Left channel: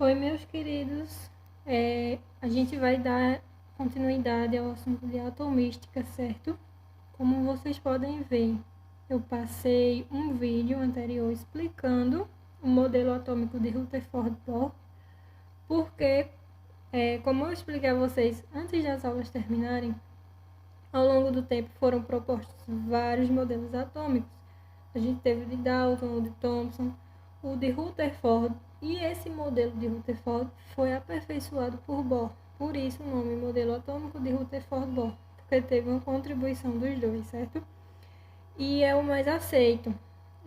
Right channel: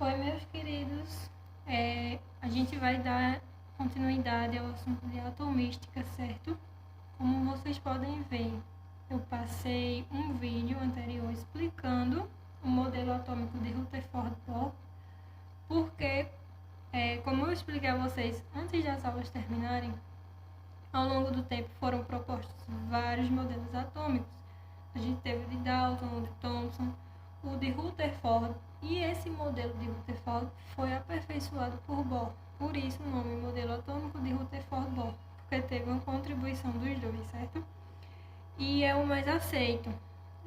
Oi, meus queridos, a gente vai dar continuidade ao assunto de atomística, certo? Como vocês podem ver, eu passei um vídeo anterior explicando o modelo atômico de Rutherford-Bohr, porque, como eu expliquei a vocês antes das aulas terminarem, ao longo do tempo foram propostos vários modelos atômicos. A gente teve o de Dalton, o de Thomson, o de Rutherford, e esse modelo de Rutherford foi aperfeiçoado por Bohr. Por isso o nome modelo atômico de Rutherford-Bohr, porque teve uma contribuição dos dois, certo? E é o mais aceito,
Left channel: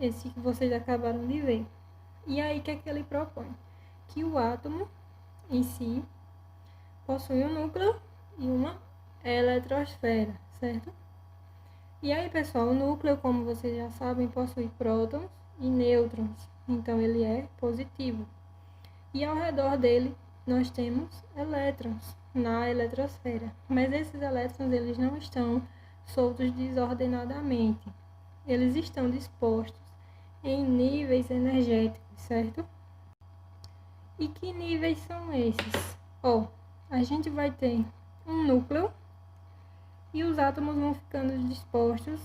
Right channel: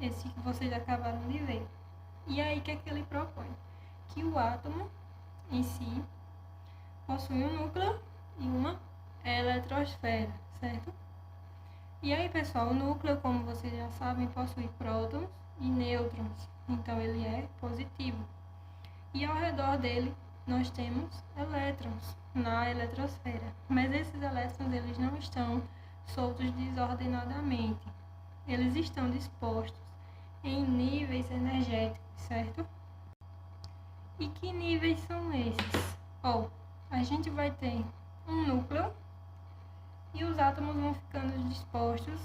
esse que vocês acabaram de ver. E aí, o que é que ele propõe? Que o átomo em si possui um núcleo e uma eletrosfera, certo? E aí, pessoal, o núcleo, como vocês já sabem, possui prótons e nêutrons, então ele é positivo. E ao redor dele nós temos elétrons na eletrosfera, mas esses elétrons eles não estão soltos desordenadamente, eles estão dispostos em níveis energéticos, certo? E que níveis são esses? A gente vai ter um núcleo e os átomos vão ficando dispostos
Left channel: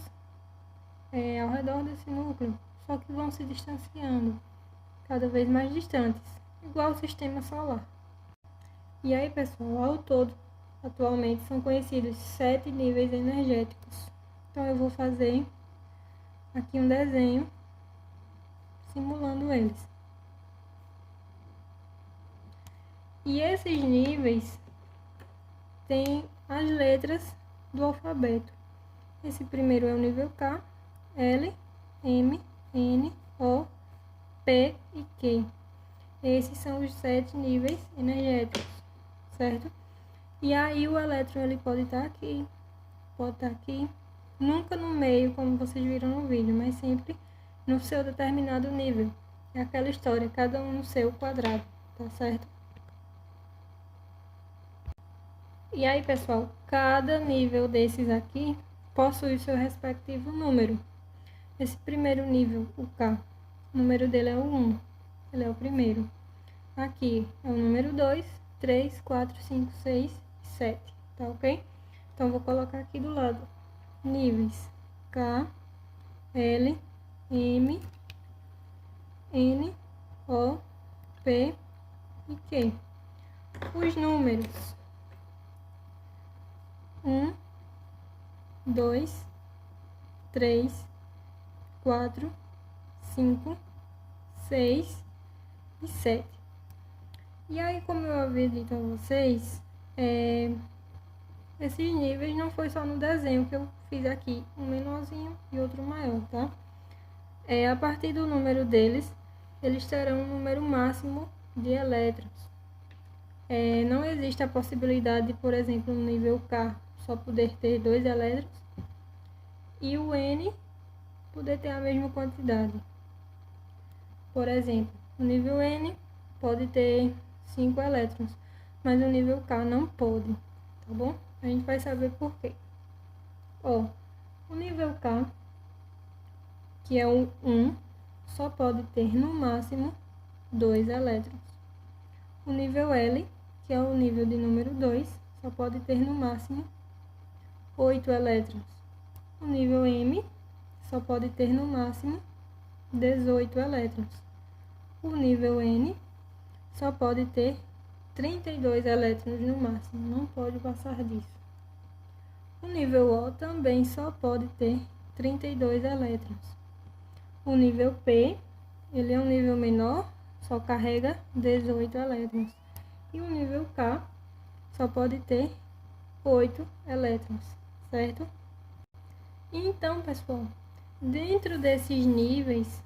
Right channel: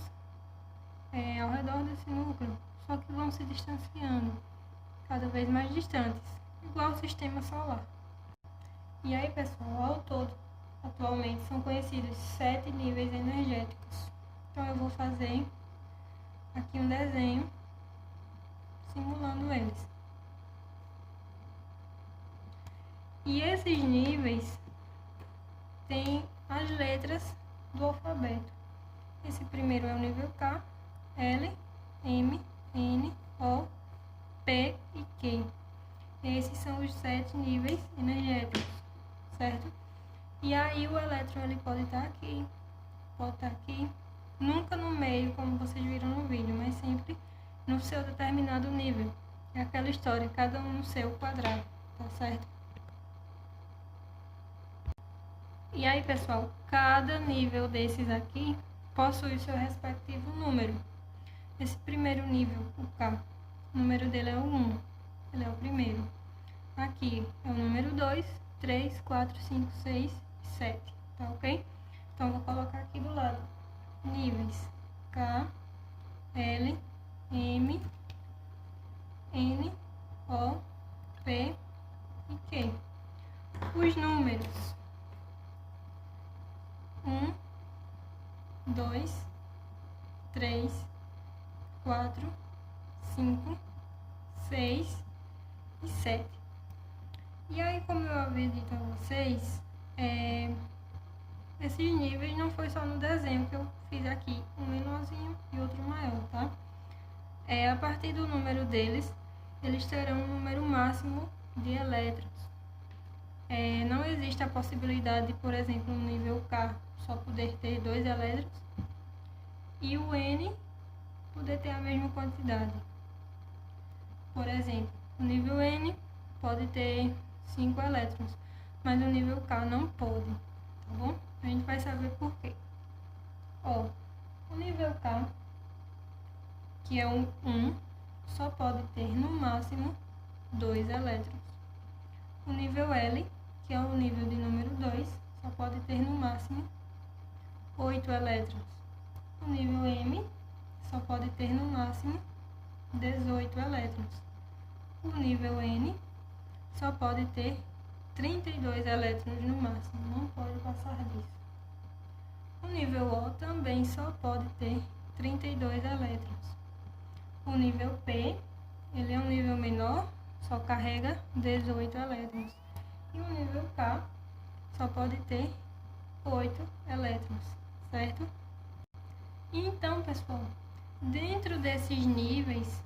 ao redor desse núcleo, só que vão se distanciando cada vez mais distantes, igual o sistema solar. E aí, pessoal, ao todo, atualmente são conhecidos 7 níveis energéticos. Então eu vou fazer aqui um desenho simulando eles. E esses níveis têm as letras do alfabeto. Esse primeiro é o nível K, L, M, N, O, P e Q. Esses são os 7 níveis energéticos, certo? E aí o elétron ele pode estar aqui, pode estar aqui, nunca no meio, como vocês viram no vídeo, mas sempre no seu determinado nível. É aquela história, cada um no seu quadrado, tá certo? E aí, pessoal, cada nível desses aqui possui o seu respectivo número. Esse primeiro nível, o K, o número dele é o 1, ele é o primeiro. Aqui é o número 2, 3, 4, 5, 6, 7, tá ok? Então, vou colocar aqui do lado níveis K, L, M, N, O, P e Q. Os números 1, 2, 3, 4, 5, 6 e 7. E aí, como eu havia dito a vocês, esses níveis não foi só no desenho que eu fiz aqui, um menorzinho e outro maior, tá? A partir do número deles, eles terão um número máximo de elétrons. Não existe a possibilidade de, por exemplo, no nível K só poder ter 2 elétrons e o N poder ter a mesma quantidade. Por exemplo, o nível N pode ter 5 elétrons, mas o nível K não pode, tá bom? A gente vai saber por quê. O nível K, que é o 1, só pode ter no máximo 2 elétrons. O nível L, que é o nível de número 2, só pode ter no máximo 8 elétrons. O nível M só pode ter no máximo 18 elétrons. O nível N só pode ter 32 elétrons no máximo, não pode passar disso. O nível O também só pode ter 32 elétrons. O nível P, ele é um nível menor, só carrega 18 elétrons. E o nível K só pode ter 8 elétrons, certo? Então, pessoal, dentro desses níveis,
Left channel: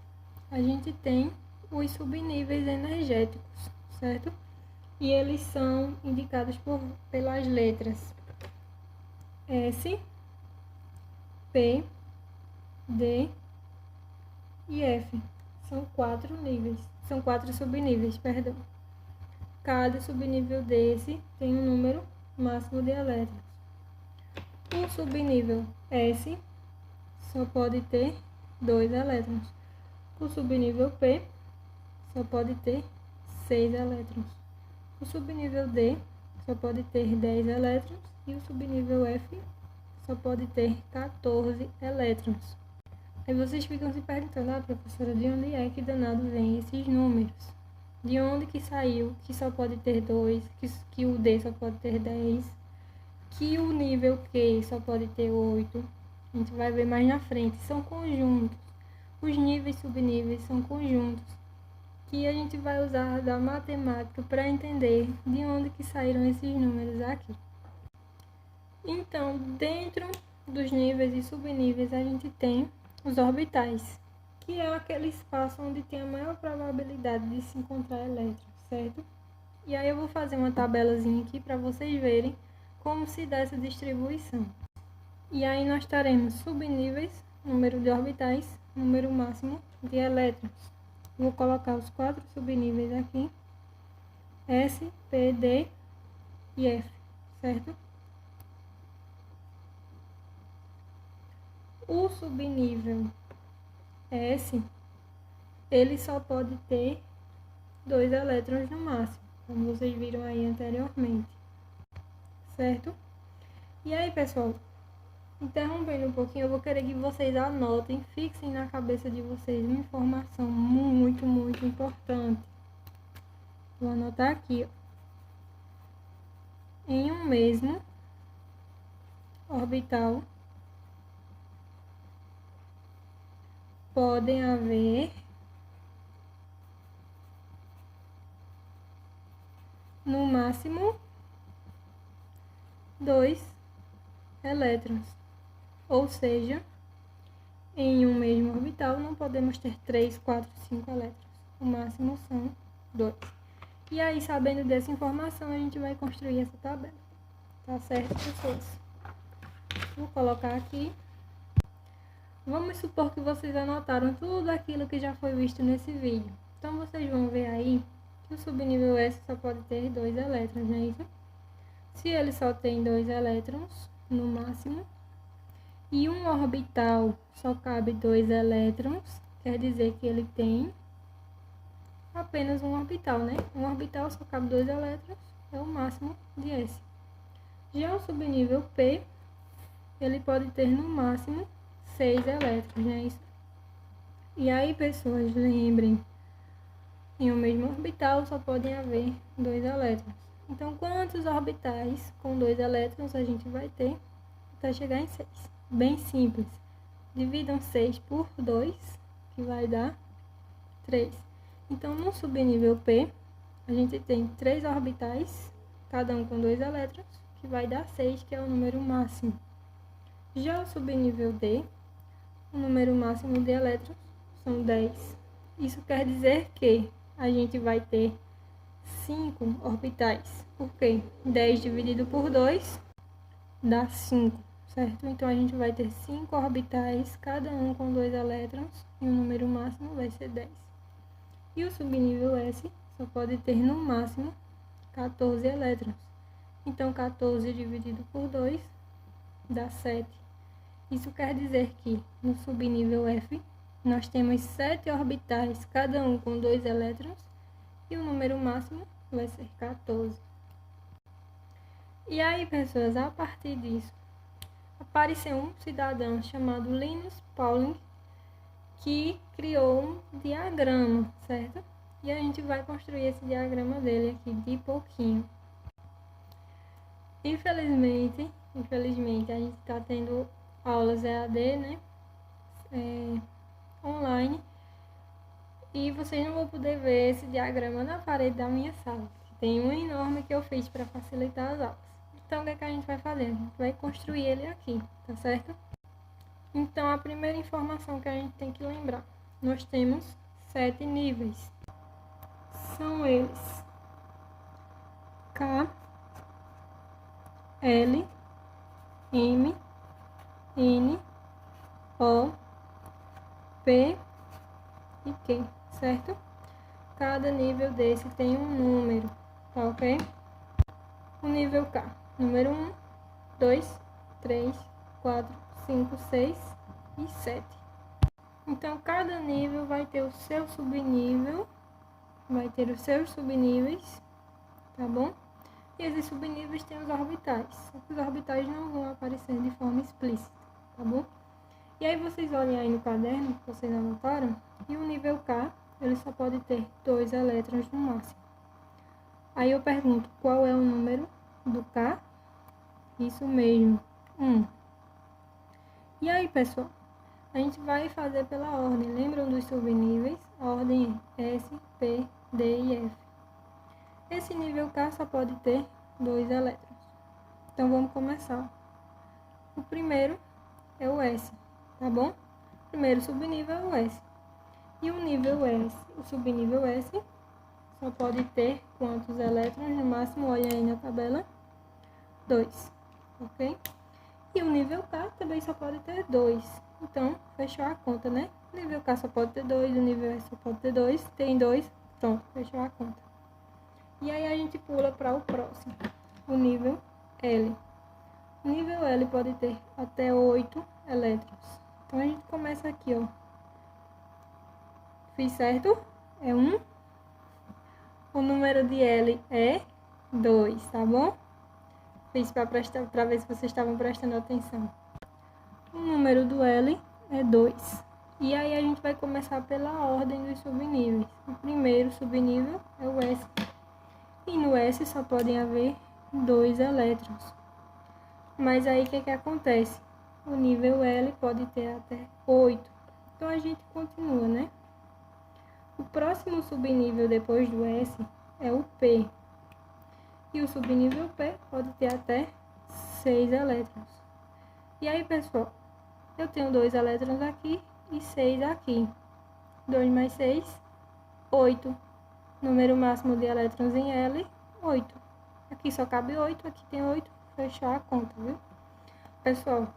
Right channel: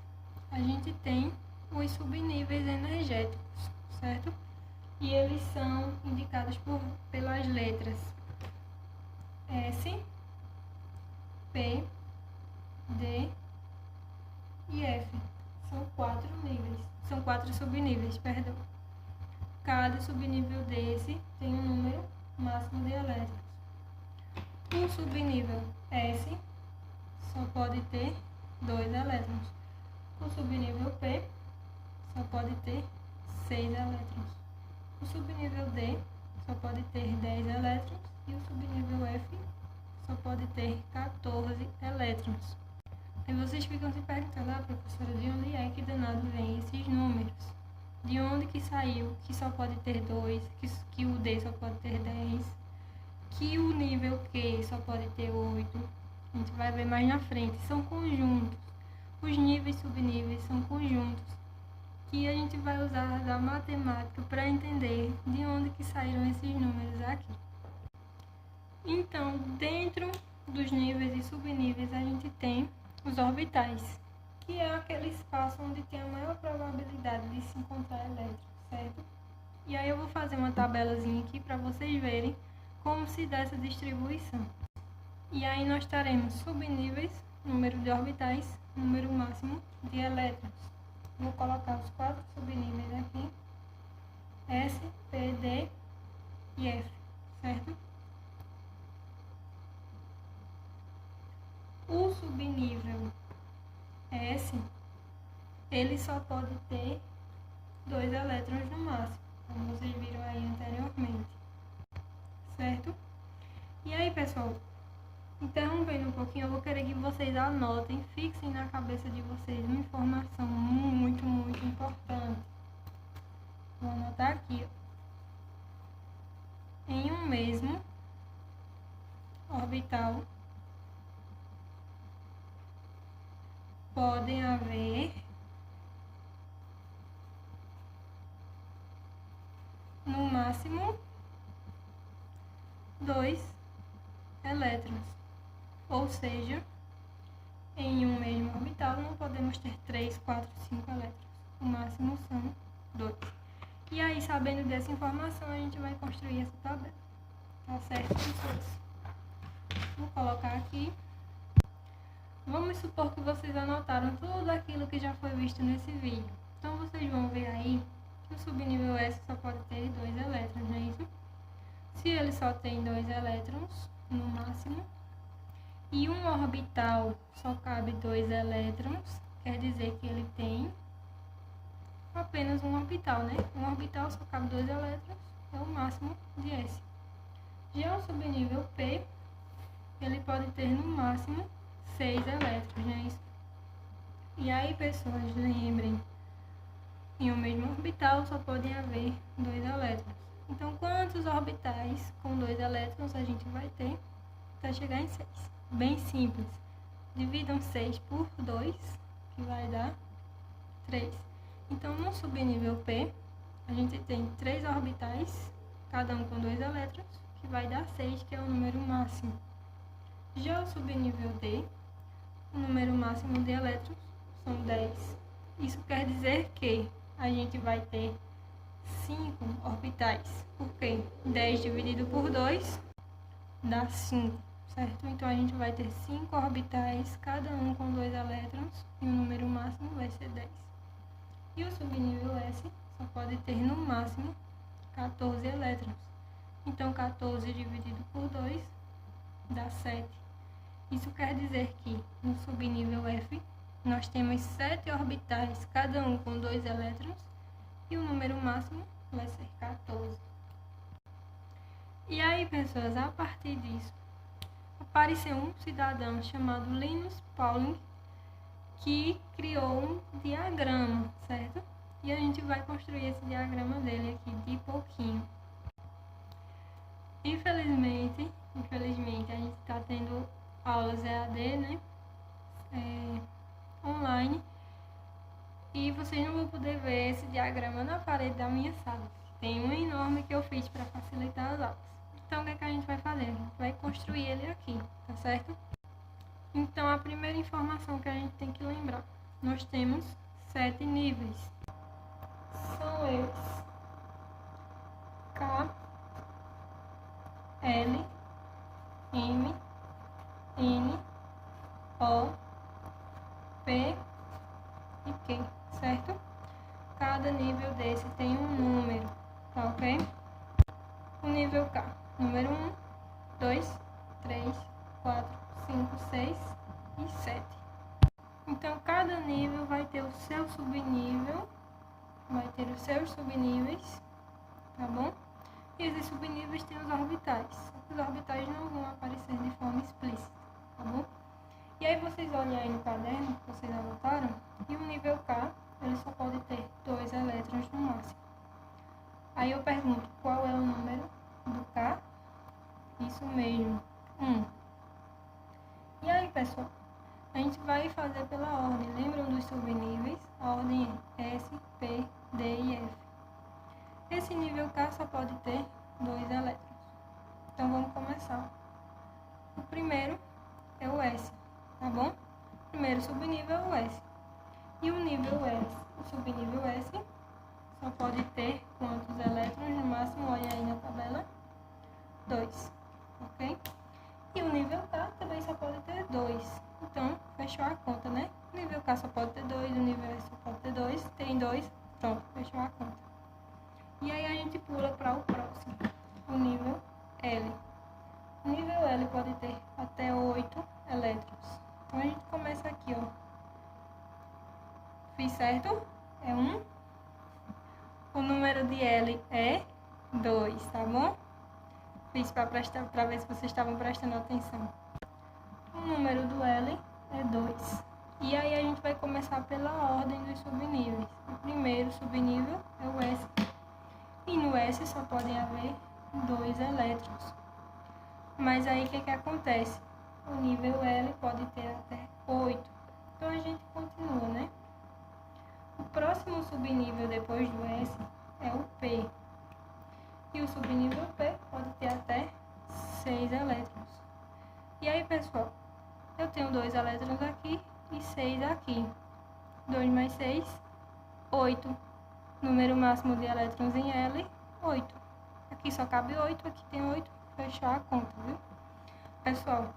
a gente tem os subníveis energéticos, certo? E eles são indicados pelas letras S, P, D e F. São 4 níveis, são 4 subníveis, perdão. Cada subnível desse tem um número máximo de elétrons. O subnível S só pode ter 2 elétrons. O subnível P só pode ter 6 elétrons. O subnível D só pode ter 10 elétrons e o subnível F só pode ter 14 elétrons. Aí vocês ficam se perguntando, professora, de onde é que danado vem esses números? De onde que saiu que só pode ter 2, que o D só pode ter 10, que o nível Q só pode ter 8? A gente vai ver mais na frente, são conjuntos. Os níveis e subníveis são conjuntos que a gente vai usar da matemática para entender de onde que saíram esses números aqui. Então, dentro dos níveis e subníveis, a gente tem os orbitais, que é aquele espaço onde tem a maior probabilidade de se encontrar elétrons, certo? E aí eu vou fazer uma tabelazinha aqui para vocês verem como se dá essa distribuição. E aí nós teremos subníveis, número de orbitais, número máximo de elétrons. Vou colocar os 4 subníveis aqui, S, P, D e F, certo? O subnível S, ele só pode ter 2 elétrons no máximo, como vocês viram aí anteriormente, certo? E aí, pessoal, interrompendo um pouquinho, eu vou querer que vocês anotem, fixem na cabeça de vocês uma informação muito, muito importante. Vou anotar aqui, ó. Em um mesmo orbital, podem haver no máximo 2 elétrons. Ou seja, em um mesmo orbital não podemos ter 3, 4, 5 elétrons. O máximo são 2. E aí, sabendo dessa informação, a gente vai construir essa tabela. Tá certo, pessoas? Vou colocar aqui. Vamos supor que vocês anotaram tudo aquilo que já foi visto nesse vídeo. Então, vocês vão ver aí que o subnível S só pode ter 2 elétrons, não é isso? Se ele só tem 2 elétrons, no máximo, e um orbital só cabe 2 elétrons, quer dizer que ele tem apenas um orbital, né? Um orbital só cabe 2 elétrons, é o máximo de S. Já o subnível P, ele pode ter no máximo 6 elétrons, não é isso? E aí, pessoas, lembrem, em um mesmo orbital só podem haver 2 elétrons. Então, quantos orbitais com 2 elétrons a gente vai ter até chegar em 6? Bem simples. Dividam 6 por 2, que vai dar 3. Então, no subnível P, a gente tem 3 orbitais, cada um com 2 elétrons, que vai dar 6, que é o número máximo. Já o subnível D, o número máximo de elétrons são 10. Isso quer dizer que a gente vai ter 5 orbitais, porque 10 dividido por 2 dá 5, certo? Então, a gente vai ter 5 orbitais, cada um com 2 elétrons, e o número máximo vai ser 10. E o subnível S só pode ter no máximo 14 elétrons. Então, 14 dividido por 2 dá 7. Isso quer dizer que no subnível F nós temos 7 orbitais, cada um com 2 elétrons, e o número máximo vai ser 14. E aí, pessoas, a partir disso, apareceu um cidadão chamado Linus Pauling, que criou um diagrama, certo? E a gente vai construir esse diagrama dele aqui de pouquinho. Infelizmente, a gente está tendo aulas EAD, né? Online. E vocês não vão poder ver esse diagrama na parede da minha sala. Tem um enorme que eu fiz para facilitar as aulas. Então, o que é que a gente vai fazer? A gente vai construir ele aqui, tá certo? Então, a primeira informação que a gente tem que lembrar. Nós temos 7 níveis. São eles: K, L, M, N, O, P e Q, certo? Cada nível desse tem um número, tá ok? O nível K, número 1, 2, 3, 4, 5, 6 e 7. Então, cada nível vai ter o seu subnível vai ter os seus subníveis, tá bom? E esses subníveis têm os orbitais. Só que os orbitais não vão aparecer de forma explícita, tá bom? E aí vocês olhem aí no caderno, que vocês anotaram, e o nível K, ele só pode ter 2 elétrons no máximo. Aí eu pergunto, qual é o número do K? Isso mesmo, 1. E aí, pessoal, a gente vai fazer pela ordem. Lembram dos subníveis? A ordem é S, P, D e F. Esse nível K só pode ter 2 elétrons. Então, vamos começar. O primeiro é o S, tá bom? O primeiro subnível é o S. E o nível S, o subnível S, só pode ter quantos elétrons? No máximo, olha aí na tabela, 2, ok? E o nível K também só pode ter 2. Então, fechou a conta, né? O nível K só pode ter 2, o nível S só pode ter 2, tem 2, pronto, fechou a conta. E aí a gente pula para o próximo, o nível L. O nível L pode ter até 8 elétrons. Então, a gente começa aqui, ó. Fiz certo? É 1. O número de L é 2, tá bom? Fiz para ver se vocês estavam prestando atenção. O número do L é 2. E aí a gente vai começar pela ordem dos subníveis. O primeiro subnível é o S. E no S só podem haver 2 elétrons. Mas aí o que acontece? O nível L pode ter até 8. Então a gente continua, né? O próximo subnível depois do S é o P. E o subnível P pode ter até 6 elétrons. E aí, pessoal, eu tenho 2 elétrons aqui e 6 aqui. 2 mais 6, 8. Número máximo de elétrons em L, 8. Aqui só cabe 8, aqui tem 8. Fechou a conta, viu? Pessoal,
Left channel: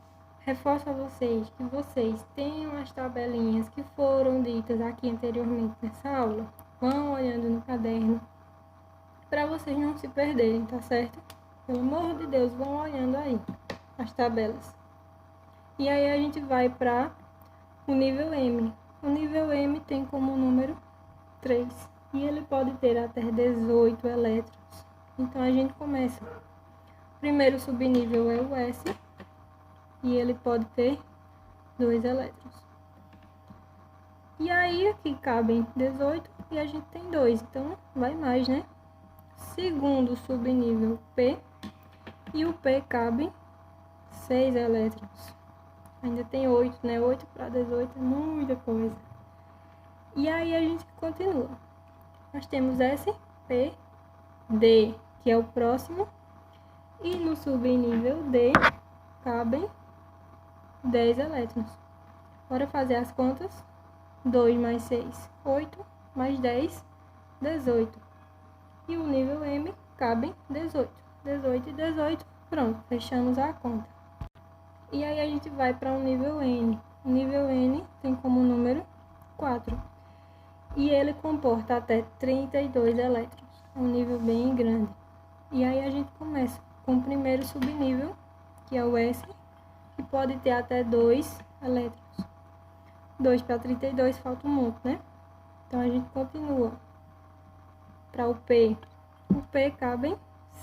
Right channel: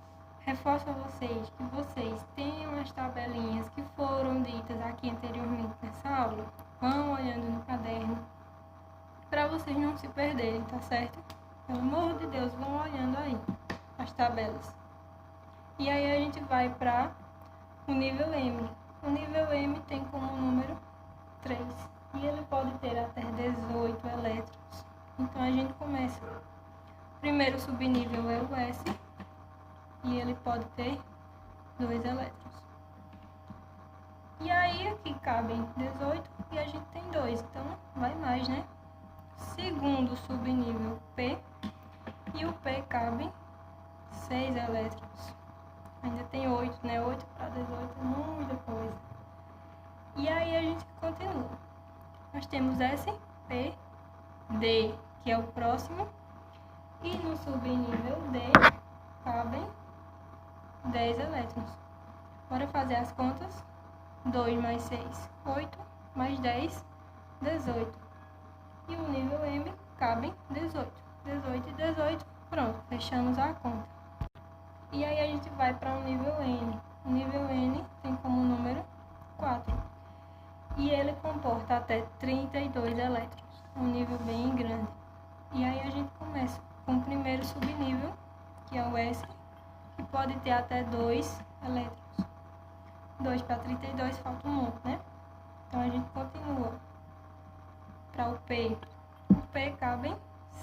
reforço a vocês que vocês tenham as tabelinhas que foram ditas aqui anteriormente nessa aula. Vão olhando no caderno, para vocês não se perderem, tá certo? Pelo amor de Deus, vão olhando aí as tabelas. E aí a gente vai para o nível M. O nível M tem como número 3. E ele pode ter até 18 elétrons. Então a gente começa. O primeiro subnível é o S. E ele pode ter 2 elétrons. E aí aqui cabem 18 e a gente tem 2. Então vai mais, né? Segundo subnível P. E o P cabe 6 elétrons. Ainda tem 8, né? 8 para 18 é muita coisa. E aí a gente continua. Nós temos S, P, D, que é o próximo. E no subnível D cabem 10 elétrons. Bora fazer as contas. 2 mais 6, 8. Mais 10, 18. E o nível M cabe 18. 18 e 18. Pronto, fechamos a conta. E aí a gente vai para o nível N. O nível N tem como número 4. E ele comporta até 32 elétrons. É um nível bem grande. E aí a gente começa com o primeiro subnível, que é o S, que pode ter até 2 elétrons. 2 para 32 falta um monte, né? Então a gente continua para o P. O P cabem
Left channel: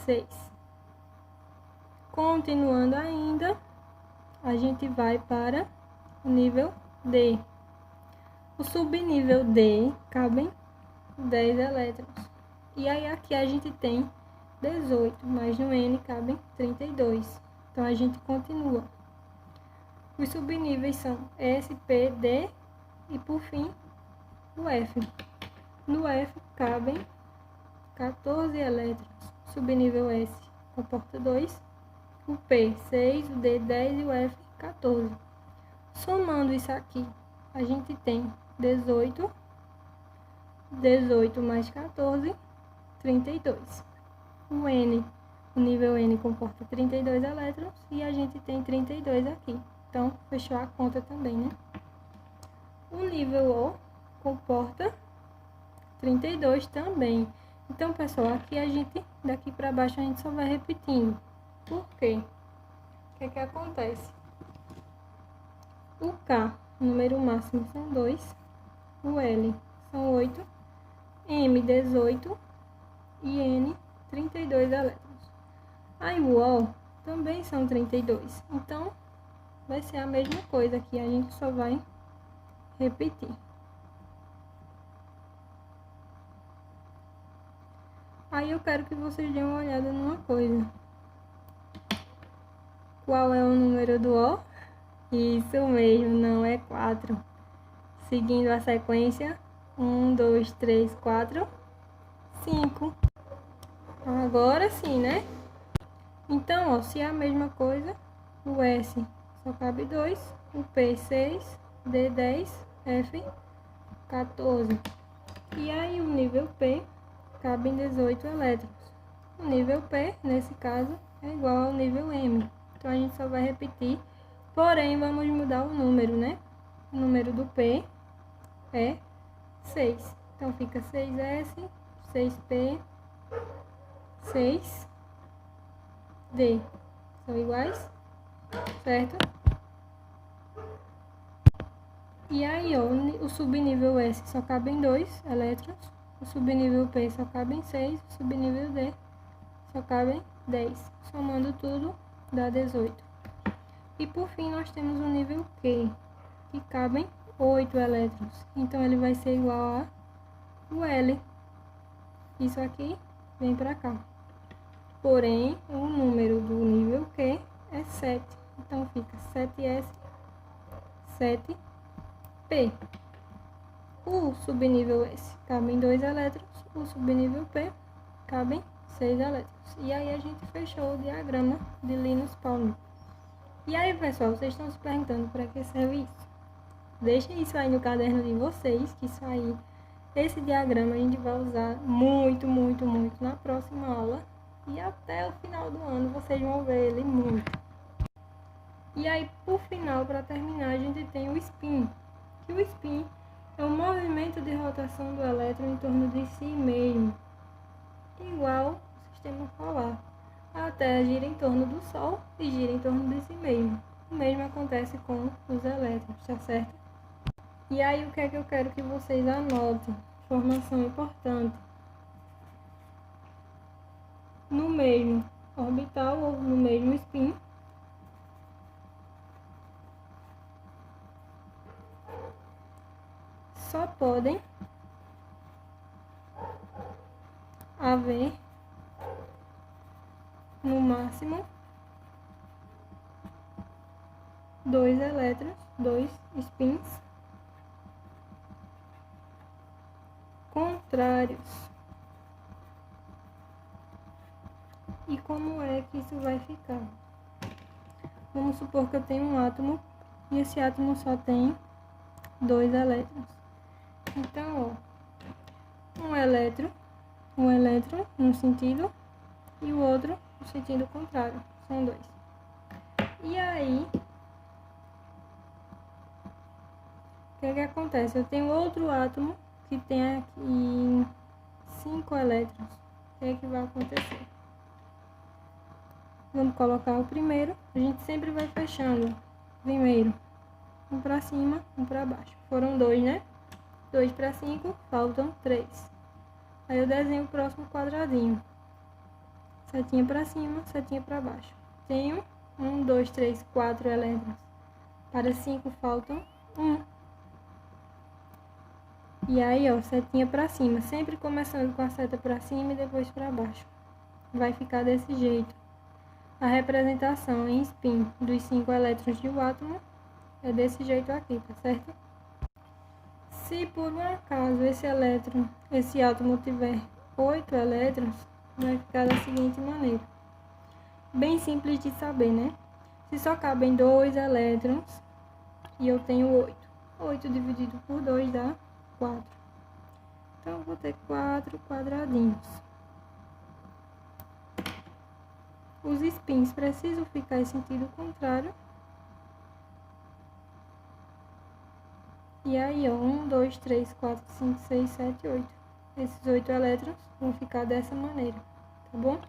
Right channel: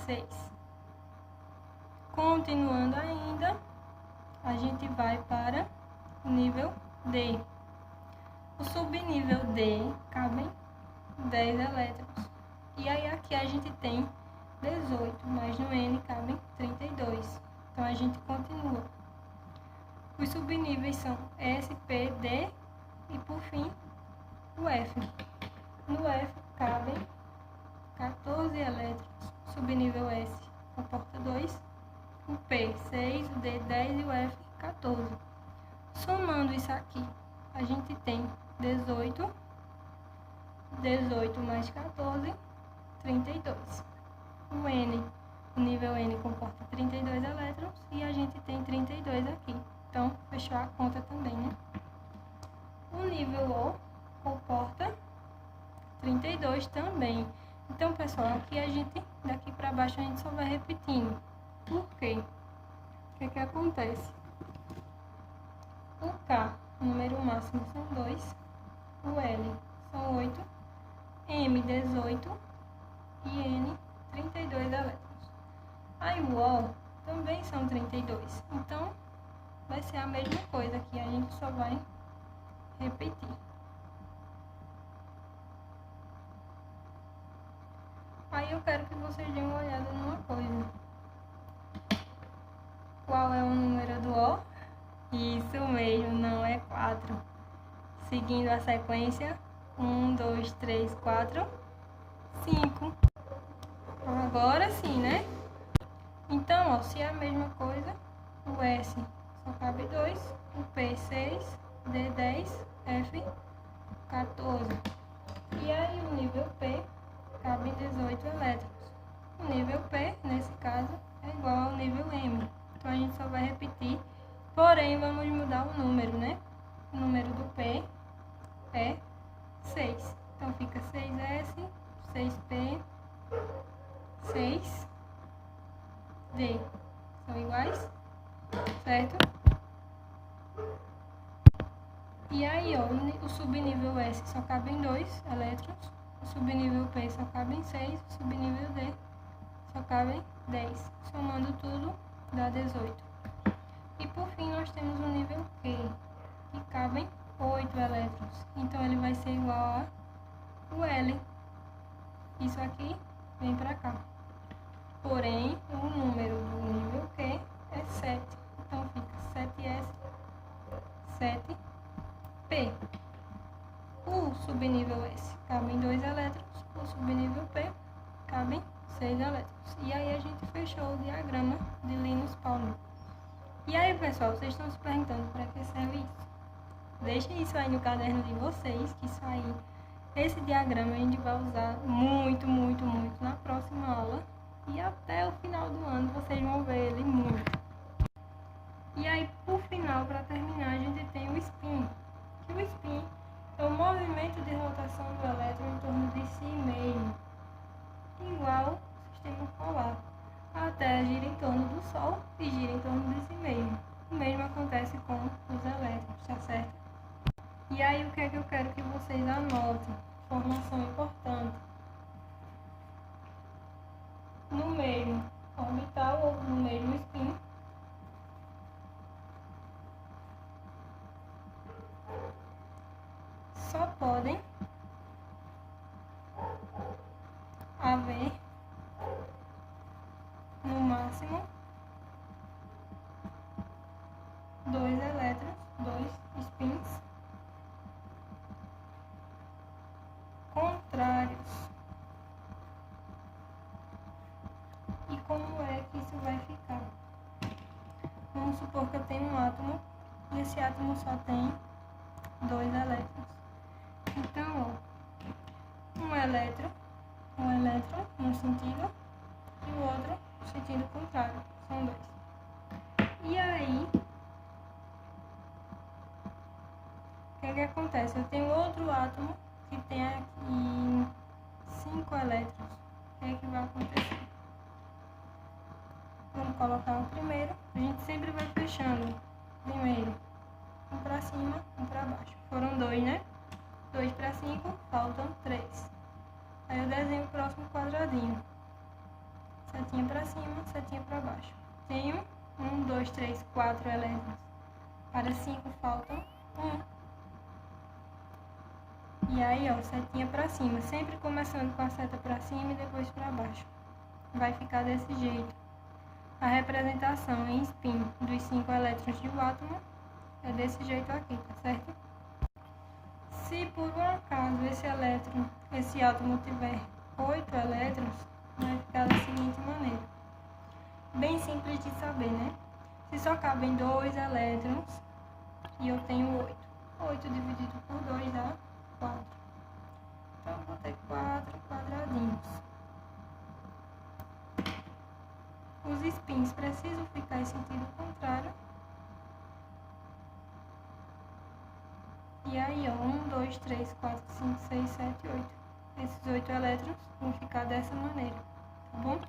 6. Continuando ainda, a gente vai para o nível D. O subnível D cabem 10 elétrons. E aí aqui a gente tem 18, mas no N cabem 32. Então a gente continua. Os subníveis são S, P, D e por fim o F. No F cabem 14 elétrons. Subnível S comporta 2. O P, 6, o D, 10 e o F, 14. Somando isso aqui, a gente tem 18. 18 mais 14, 32. O N, o nível N comporta 32 elétrons e a gente tem 32 aqui. Então, fechou a conta também, né? O nível O comporta 32 também. Então, pessoal, aqui a gente, daqui para baixo, a gente só vai repetindo. Por quê? O que acontece? O K, o número máximo são 2. O L são 8. M 18 e N 32 elétrons. Aí o O também são 32. Então, vai ser a mesma coisa aqui, a gente só vai repetir. Aí eu quero que vocês dêem uma olhada numa coisa. Qual é o número do O? Isso mesmo, não é 4. Seguindo a sequência, 1, 2, 3, 4, 5. Agora sim, né? Então, ó, se é a mesma coisa, o S só cabe 2, o P 6, D 10, F 14. E aí o nível P cabe 18 elétrons. O nível P, nesse caso, é igual ao nível M. Então a gente só vai repetir, porém vamos mudar o número, né? O número do P é 6. Então fica 6S, 6P, 6D. São iguais, certo? E aí, ó, o subnível S só cabem 2 elétrons, o subnível P só cabem 6, o subnível D só cabem 10. Somando tudo, dá 18. E por fim, nós temos o nível Q, que cabem 8 elétrons. Então, ele vai ser igual ao L. Isso aqui vem para cá. Porém, o número do nível Q é 7. Então, fica 7S, 7P. O subnível S cabem 2 elétrons, o subnível P cabem 6 elétrons. E aí a gente fechou o diagrama de Linus Pauling. E aí, pessoal, vocês estão se perguntando para que serve isso? Deixem isso aí no caderno de vocês, que isso aí, esse diagrama a gente vai usar muito na próxima aula. E até o final do ano vocês vão ver ele muito. E aí, por final, para terminar, a gente tem o spin. Que o spin é um movimento de rotação do elétron em torno de si mesmo, igual ao sistema solar. A Terra gira em torno do Sol e gira em torno de si mesmo. O mesmo acontece com os elétrons, tá certo? E aí, o que é que eu quero que vocês anotem? Informação importante. No mesmo orbital ou no mesmo spin, só podem haver no máximo 2 elétrons, 2 spins contrários. E como é que isso vai ficar? Vamos supor que eu tenho um átomo e esse átomo só tem 2 elétrons. Então, ó, um elétron num sentido e o outro no sentido contrário. São 2. E aí, o que acontece? Eu tenho outro átomo que tem aqui 5 elétrons. O que vai acontecer? Vamos colocar o primeiro. A gente sempre vai fechando. Primeiro, um para cima, um para baixo. Foram 2, né? 2 para 5, faltam 3. Aí eu desenho o próximo quadradinho. Setinha para cima, setinha para baixo. Tenho 1, 2, 3, 4 elétrons. Para 5 faltam 1. E aí, ó, setinha para cima. Sempre começando com a seta para cima e depois para baixo. Vai ficar desse jeito. A representação em spin dos 5 elétrons de um átomo é desse jeito aqui, tá certo? Se por um acaso esse átomo tiver 8 elétrons, vai ficar da seguinte maneira. Bem simples de saber, né? Se só cabem 2 elétrons e eu tenho 8. 8 dividido por 2 dá 4. Então eu vou ter 4 quadradinhos. Os spins precisam ficar em sentido contrário. E aí, ó, 1, 2, 3, 4, 5, 6, 7, 8. Esses 8 elétrons vão ficar dessa maneira, tá bom?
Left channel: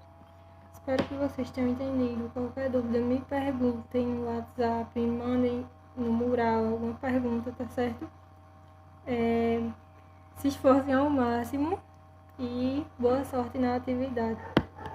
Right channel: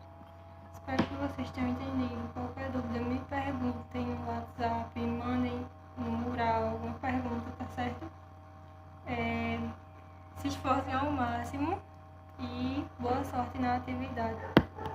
Espero que vocês tenham entendido. Qualquer dúvida, me perguntem no WhatsApp, mandem no mural alguma pergunta, tá certo? Se esforcem ao máximo e boa sorte na atividade.